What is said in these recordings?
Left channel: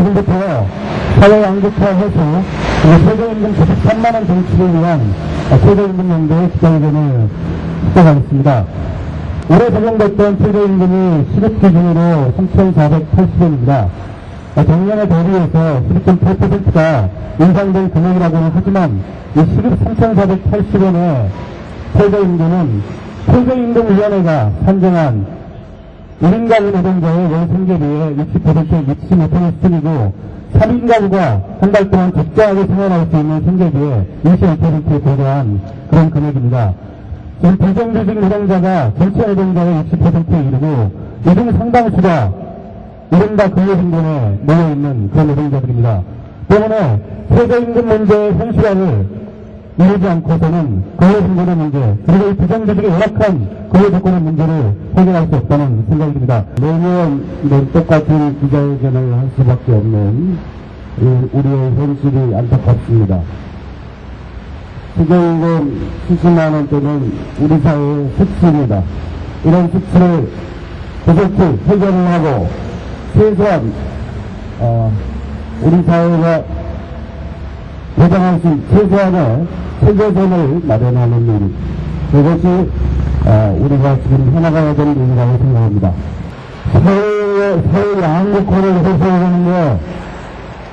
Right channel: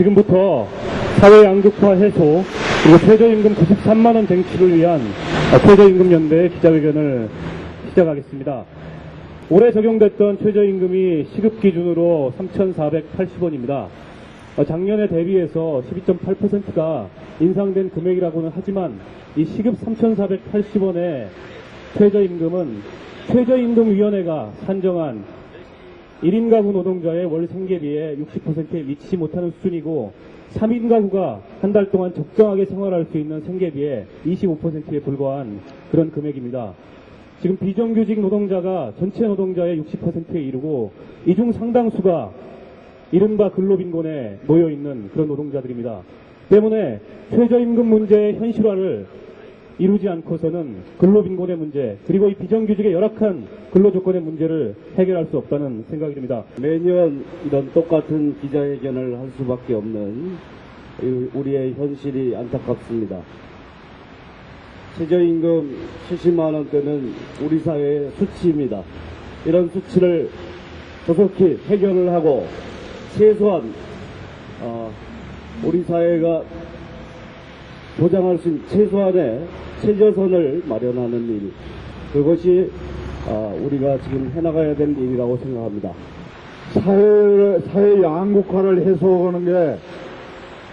지금부터 사회양극화 해소, 최저임금 93만원 쟁취를 위한 최저임금연대 기자회견을 시작하겠습니다. 올해 적용됐던 최저임금이 시급 기준으로 3,480원입니다. 작년에 대비해서 12.8%가 인상된 금액이라고는 하지만 이 시급 3,480원의 최저임금은 최저임금위원회가 산정한 1인 가구 노동자의 월 생계비의 60%에 미치지 못하는 수준이고 3인 가구가 한 달 동안 적자하게 생활할 수 있는 생계비의 25%에 불과한 그런 금액입니다. 지금 비정규직 노동자가 전체 노동자의 60%에 이르고 이 중 상당수가 이른바 근로빈곤에 놓여있는 그런 노동자들입니다. 때문에 최저임금 문제의 현실화를 이루지 않고서는 근로빈곤의 문제, 그리고 이 비정규직의 열악한 근로조건의 문제를 해결할 수 없다는 생각이 듭니다. 매년 똑같은 기자회견을 할 수밖에 없는 우리의 현실이 안타깝습니다. 최저임금 70만 원대는 우리 사회의 수치입니다. 이런 수치를 조속히 해결을 하고 최소한 우리 사회가 보장할 수 있는 최소한의 최저선을 마련하는 일, 그것이 우리가 지금 해나가야 되는 일이라고 생각합니다. 사회 양극화를 해소하는 게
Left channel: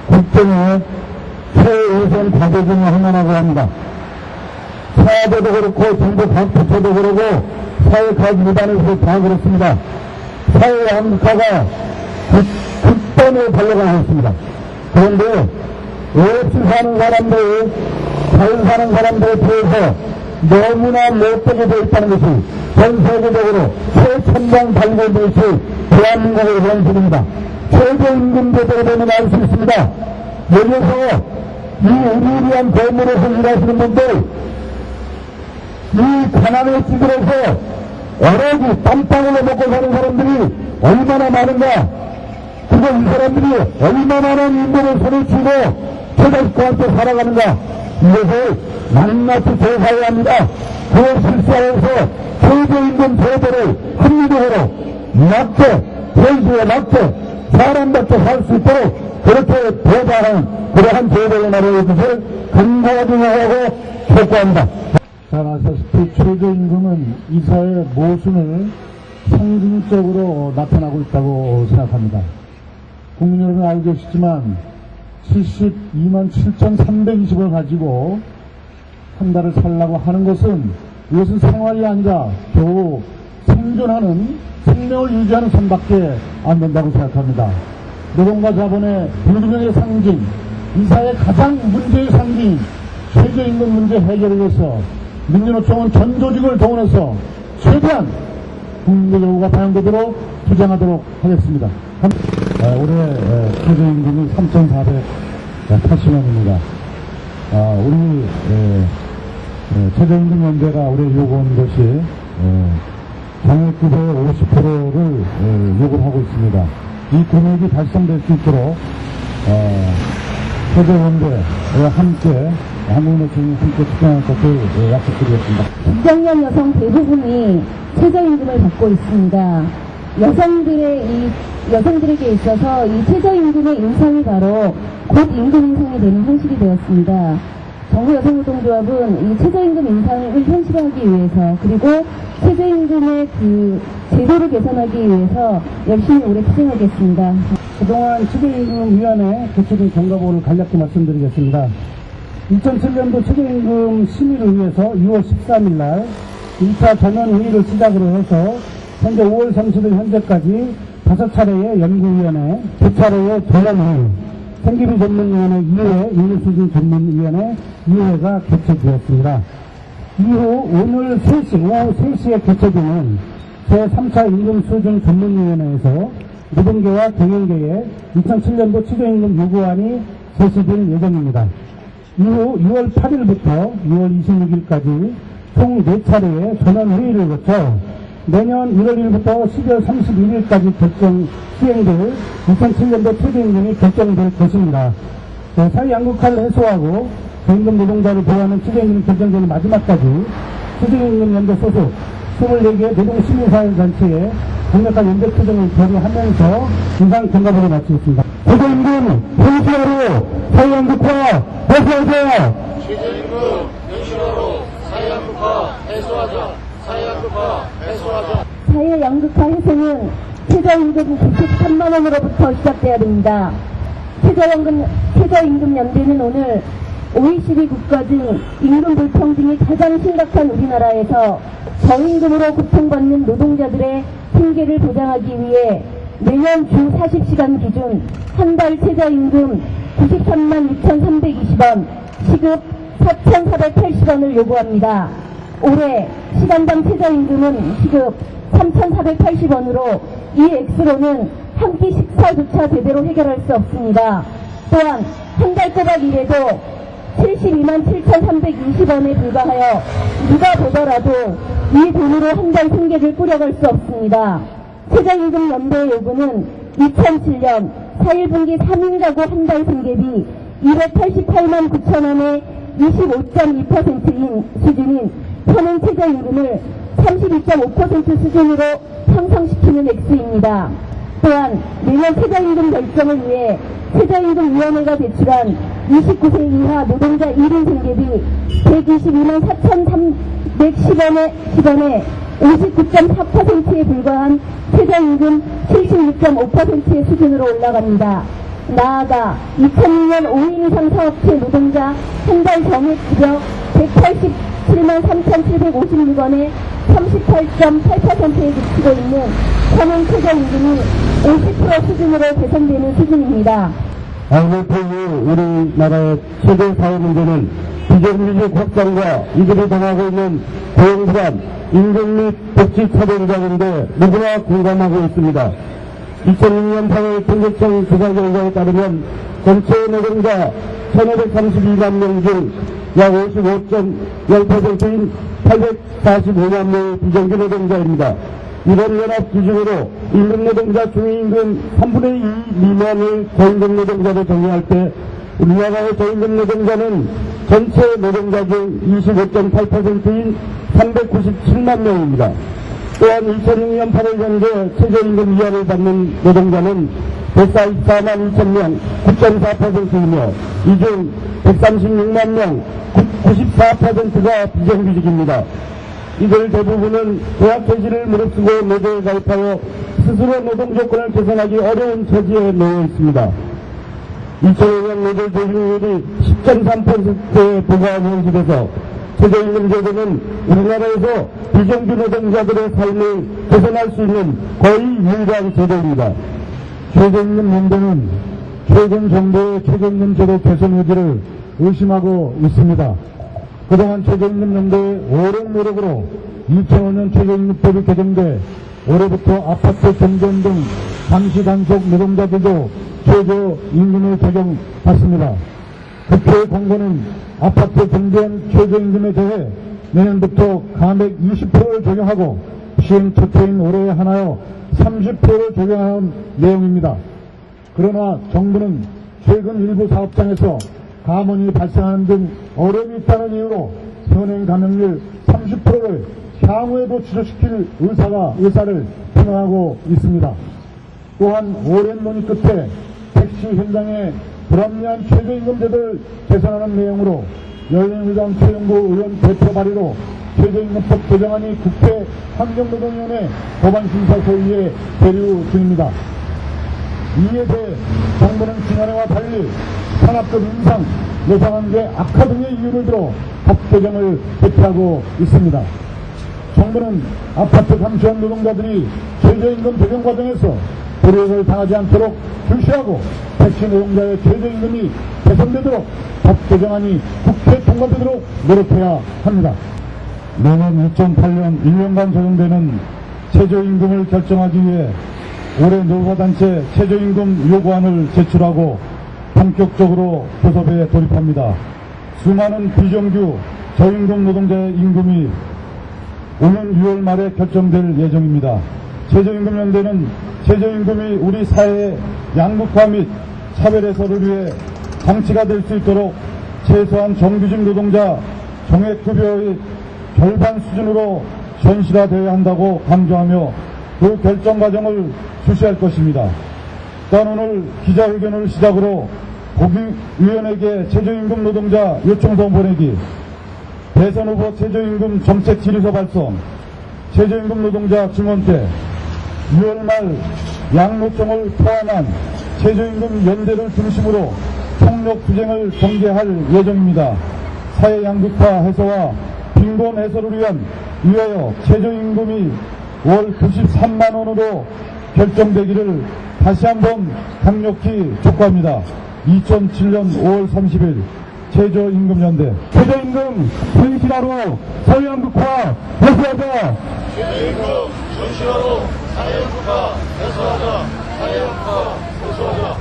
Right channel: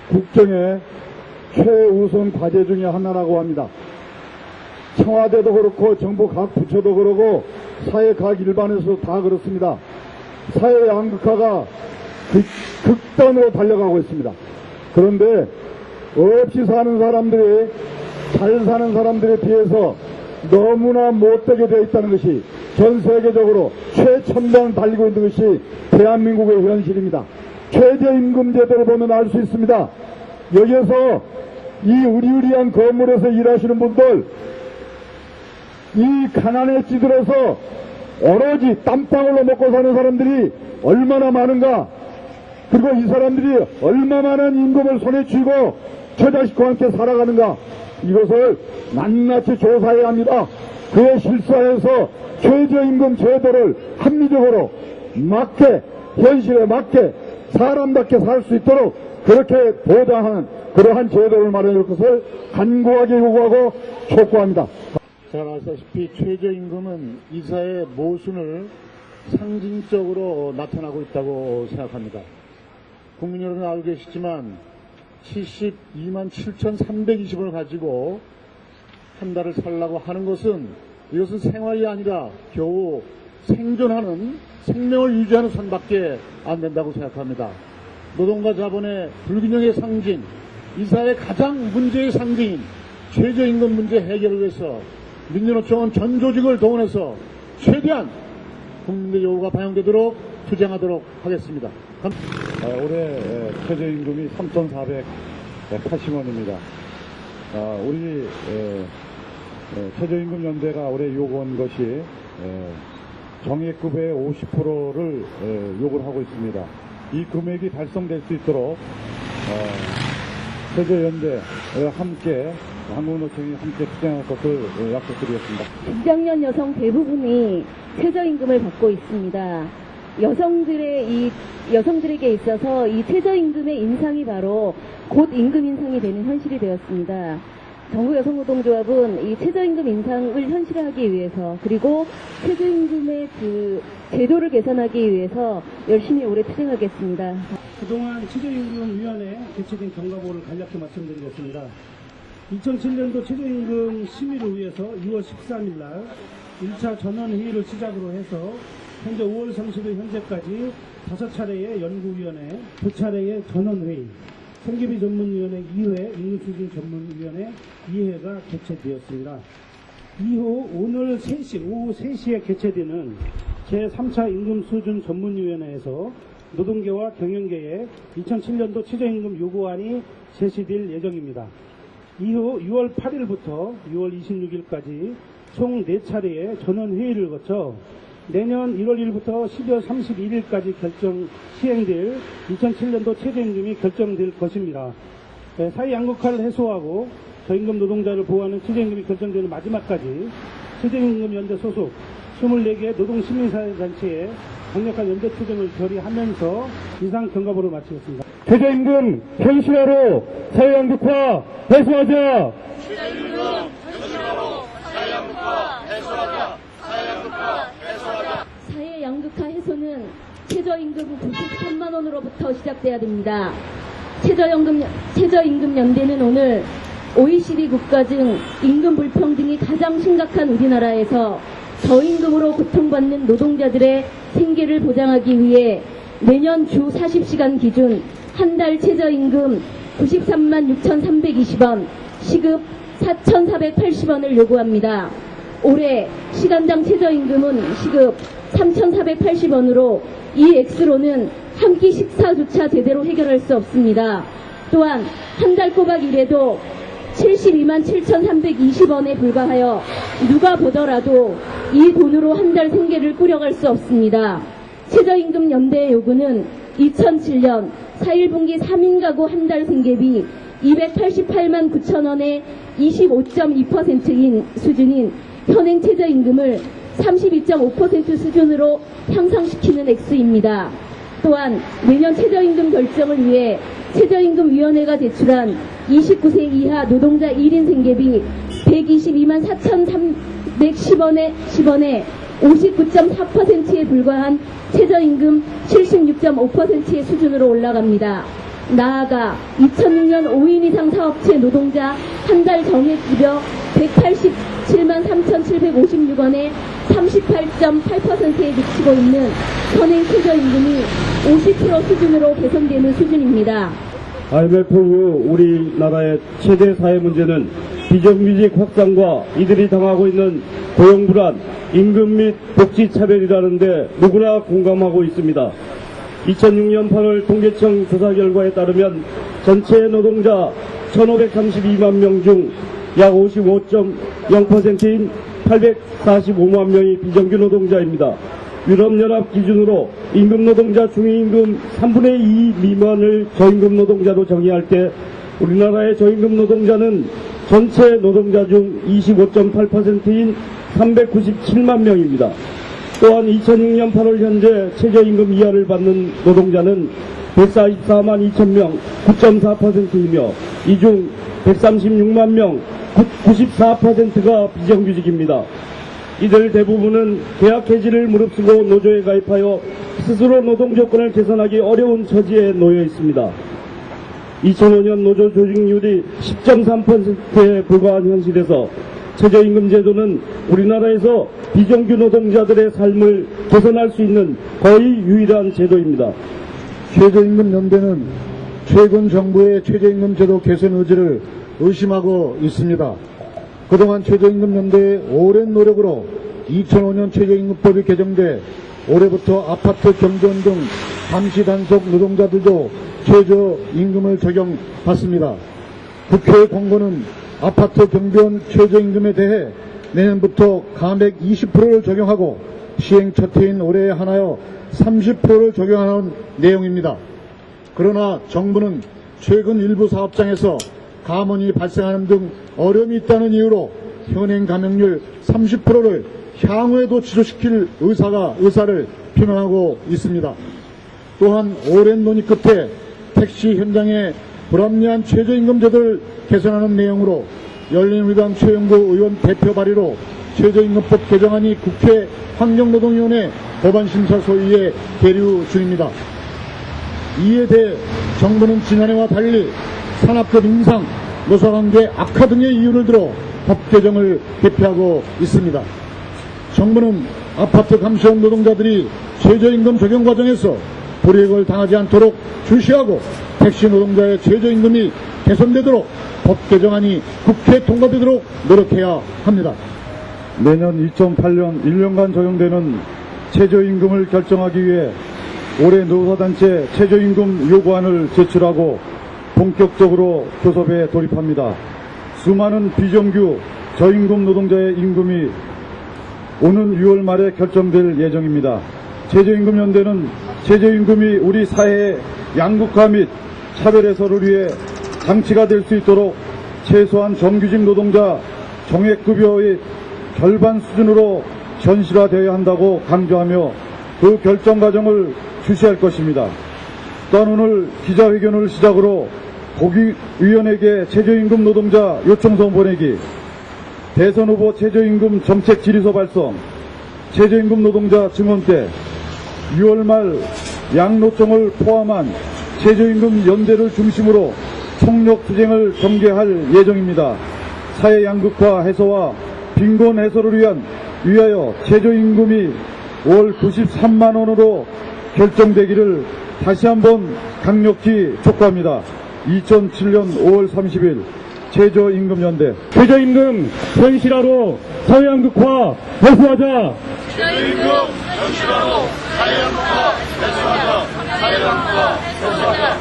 국정의 최우선 과제 중에 하나라고 합니다. 사회도 그렇고 정부 각 부처도 그러고 사회 각 일반에서 다 그렇습니다. 사회 양극화가 극단에 달려가고 있습니다. 그런데 없이 사는 사람들, 잘 사는 사람들에 비해서 너무나 못되게 되어 있다는 것이 전 세계적으로 최첨단 발견 것이 대한민국의 현실입니다. 최저임금 제도가 되면 알 수 있습니다. 여기서 이 우리를 위한 대문에서 일하시는 분들, 이 가난에 찌들어서 오로지 땀방울로 먹고 사는 사람들이 얼마나 많은가, 그리고 이 사람들이 얼마나 많은 임금을 손에 쥐고 최저시과 함께 살아가는가, 이것을 낱낱이 조사해야 합니다. 그 실사에서 최저임금 제도를 합리적으로 맞게, 현실에 맞게, 사람답게 살 수 있도록 그렇게 보장하는 그러한 제도를 마련해 주실 간과하고 촉구합니다. 잘 아시다시피 최저임금은 이 사회의 모순을 상징적으로 나타나고 있다고 생각합니다. 국민 여러분 알고 계시지만 72만 7,320원을 가지고 한 달을 살라고 하는 것은 이것은 생활이 아니라 겨우 생존하는, 생명을 유지하는 선밖에 안 된다고 생각합니다. 노동과 자본의 불균형의 상징, 이 사회의 가장 문제의 상징인 최저임금 문제 해결을 위해서 민주노총은 전 조직을 동원해서 최대한 국민의 요구가 반영되도록 투쟁하도록 하겠습니다. 올해 최저임금이 3,480원입니다. 우리 최저임금 연대가 올해 요구한 것이 정액급의 50%를 요구를 하고 있습니다. 이 금액이 달성될 수 있도록 최저연대와 함께 한국노총이 함께 투쟁할 것을 약속드리겠습니다. 직장년 여성 대부분이 최저임금을 받고 있습니다. 여성들에게 있어서 이 최저임금의 인상이 바로 곧 임금 인상이 되는 현실이 되었습니다. 정부 여성노동조합은 이 최저임금 인상을 현실화하기 위해서, 그리고 최저임금의 그 제도를 개선하기 위해서 열심히 올해 투쟁하겠습니다. 그동안 최저임금위원회 개최된 경과보를 간략히 말씀드리겠습니다. 2007년도 최저임금 심의를 위해서 2월 13일 날 1차 전원회의를 시작으로 해서 현재 5월 30일 현재까지 5차례의 연구위원회, 2차례의 전원회의, 생계비 전문위원회 2회, 임금수준 전문위원회 2회가 개최되었습니다. 이후 오늘 3시, 오후 3시에 개최되는 제3차 임금수준 전문위원회에서 노동계와 경영계의 2007년도 최저임금 요구안이 제시될 예정입니다. 이후 6월 8일부터 6월 26일까지 총 4차례의 전원회의를 거쳐 내년 1월 1일부터 12월 31일까지 시행될 2007년도 최저임금이 결정될 것입니다. 사회 양극화를 해소하고 저임금 노동자를 보호하는 최저임금이 결정되는 마지막까지 최저임금 연대 소속 24개 노동시민사회단체의 강력한 연대 투쟁을 결의하면서 인상 경과보를 마치겠습니다. 최저임금 현실화로 사회양극화 해소하자. 사회 양극화 해소는 최저임금 93만 원으로부터 시작돼야 됩니다. 최저임금 연대는 오늘 OECD 국가 중 임금 불평등이 가장 심각한 우리나라에서 저임금으로 고통받는 노동자들의 생계를 보장하기 위해 매년 주 40시간 기준 한 달 최저임금 93만 6,320원, 시급 4,480원을 요구합니다. 올해 시간당 최저임금은 시급 3,480원으로 이 액수로는 한 끼 식사조차 제대로 해결할 수 없습니다. 또한 한 달 꼬박 일해도 72만 7,320원에 불과하여 누가 보더라도 이 돈으로 한 달 생계를 꾸려갈 수 없습니다. 최저임금 연대의 요구는 2007년 4.1분기 3인 가구 한 달 생계비 288만 9천원의 25.2%인 수준인 현행 최저임금을 32.5% 수준으로 향상시키는 액수입니다. 또한 내년 최저임금 결정을 위해 최저임금위원회가 제출한 29세 이하 노동자 1인 생계비 122만 4,310원에 59.4%에 불과한 최저임금 76.5%의 수준으로 올라갑니다. 나아가 2006년 5인 이상 사업체 노동자 한 달 정액급여 187만 3,756원에 38.8%에 미치고 있는 현행 최저임금이 50% 수준으로 개선되는 수준입니다. IMF 이후 우리나라의 최대 사회 문제는 비정규직 확산과 이들이 당하고 있는 고용 불안, 임금 및 복지 차별이라는데 누구나 공감하고 있습니다. 2006년 8월 통계청 조사 결과에 따르면 전체 노동자 1,532만 명 중 약 55.0%인 845만 명이 비정규 노동자입니다. 유럽연합 기준으로 임금 노동자 중위임금 3분의 2 미만을 저임금 노동자로 정의할 때 우리나라의 저임금 노동자는 전체 노동자 중 25.8%인 397만 명입니다. 또한 2006년 8월 현재 최저임금 이하를 받는 노동자는 144만 2천 명, 9.4%이며 이 중 136만 명, 94%가 비정규직입니다. 이들 대부분은 계약 해지를 무릅쓰고 노조에 가입하여 스스로 노동 조건을 개선하기 어려운 처지에 놓여 있습니다. 2005년 노조 조직률이 10.3%에 불과한 현실에서 최저임금 제도는 우리나라에서 비정규 노동자들의 삶을 개선할 수 있는 거의 유일한 제도입니다. 최저임금 연대는 최근 정부의 최저임금 제도 개선 의지를 의심하고 있습니다. 그동안 최저임금 연대의 오랜 노력으로 2005년 최저임금법이 개정돼 올해부터 아파트 경비원 등 잠시 단속 노동자들도 최저임금을 적용받습니다. 국회의 권고는 아파트 경비원 최저임금에 대해 내년부터 감액 20%를 적용하고 시행 첫 해인 올해에 한하여 30%를 적용하는 내용입니다. 그러나 정부는 최근 일부 사업장에서 감원이 발생하는 등 어려움이 있다는 이유로 현행 감액률 30%를 향후에도 지속시킬 의사를 표명하고 있습니다. 또한 오랜 논의 끝에 택시 현장의 불합리한 최저임금 제도를 개선하는 내용으로 열린우리당 최영구 의원 대표 발의로 최저임금법 개정안이 국회 환경노동위원회 법안심사소위에 계류 중입니다. 이에 대해 정부는 지난해와 달리 산업급 인상, 노사관계 악화 등의 이유를 들어 법 개정을 대피하고 있습니다. 정부는 아파트 감시원 노동자들이 최저임금 적용 과정에서 불이익을 당하지 않도록 주시하고 택시 노동자의 최저임금이 개선되도록 법 개정안이 국회 통과되도록 노력해야 합니다. 내년 2008년 1년간 적용되는 최저임금을 결정하기 위해 올해 노사단체 최저임금 요구안을 제출하고 본격적으로 교섭에 돌입합니다. 수많은 비정규 저임금 노동자의 임금이 오는 6월 말에 결정될 예정입니다. 최저임금 연대는 최저임금이 우리 사회의 양극화 및 차별 해소를 위해 장치가 될 수 있도록 최소한 정규직 노동자 정액급여의 절반 수준으로 현실화되어야 한다고 강조하며 그 결정 과정을 주시할 것입니다. 또한 오늘 기자회견을 시작으로 국위원에게 최저임금 노동자 요청서 보내기, 대선 후보 최저임금 정책 질의서 발송, 최저임금 노동자 증언때, 6월 말 양노총을 포함한 최저임금 연대를 중심으로 총력 투쟁을 전개할 예정입니다. 사회 양극화 해소와 빈곤 해소를 위하여 최저임금이 월 93만 원으로 결정되기를 다시 한번 강력히 촉구합니다. 2007년 5월 30일 최저임금연대. 최저임금 현실화로 사회양극화 해소하자. 최저임금 현실화로 사회양극화 해소하자.